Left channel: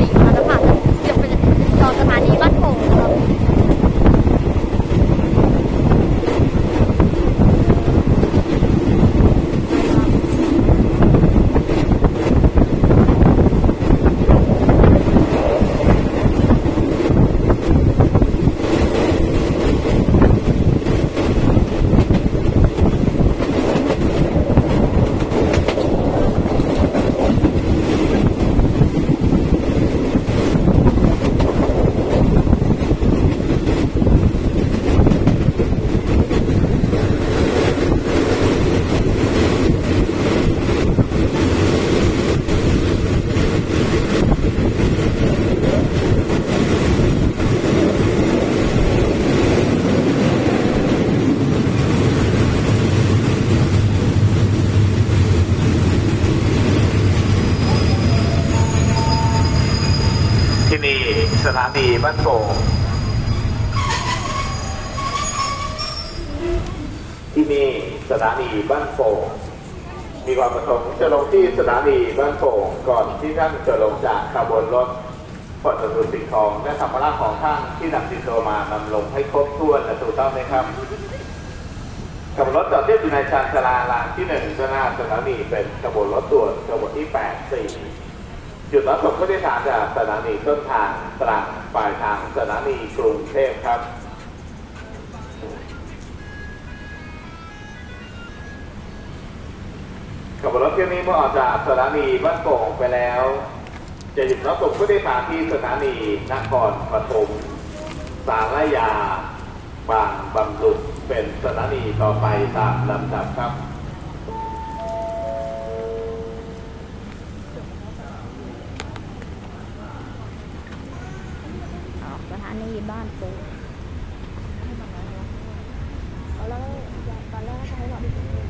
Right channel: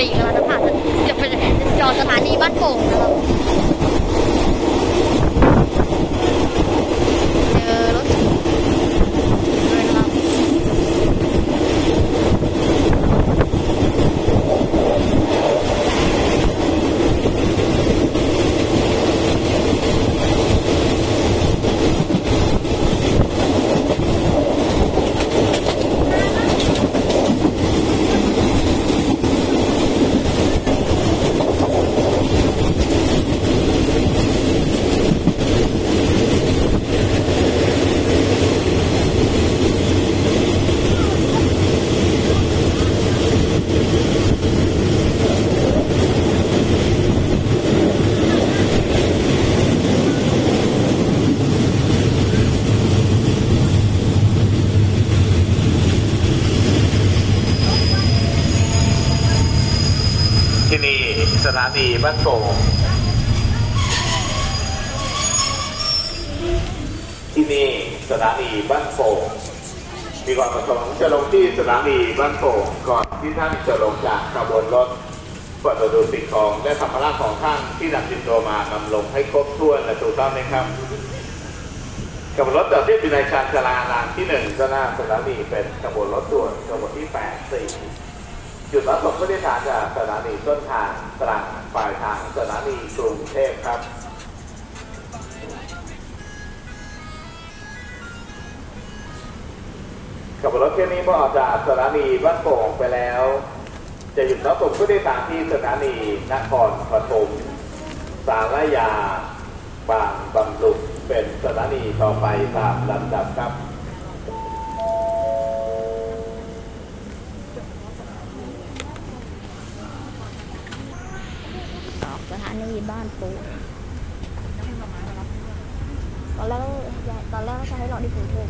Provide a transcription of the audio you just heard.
สี่กำลังจะผ่านจะเป็นจอดสถานีบ้านโป่งนะครับ นี่สถานีบ้านโป่งที่นี่สถานีบ้านโป่งมีความประสงค์จะลงที่สถานีบ้านโป่งก่อนที่ท่านจะลงจากขบวนรถเปิดประตูสิ่งของและสัมภาระของท่านที่นำติดตัวมานำลงให้ครบถ้วนและถูกต้องไหมครับขบวนรถจอดเทียบอยู่ในชานชาลารางที่หนึ่งก็หน้าสถานีเป็นขบวนรถด่วนขบวนที่แปดสี่ จุดรับส่งผู้โดยสารจากสถานีต้นทางตรังปลายทางสถานีกรุงเทพครับกับรถเที่ยวนี้เมื่อออกจากสถานีบ้านโป่งไปแล้ว จะหยุดรับส่งผู้โดยสารที่สถานีนครปฐมสารยา บางบำรุงเป็นสถานีต่อไปตามลำดับครับ อันนี้บ้านโป่งตอนแรกตอนแรกให้เราที่กรุงเทพอะ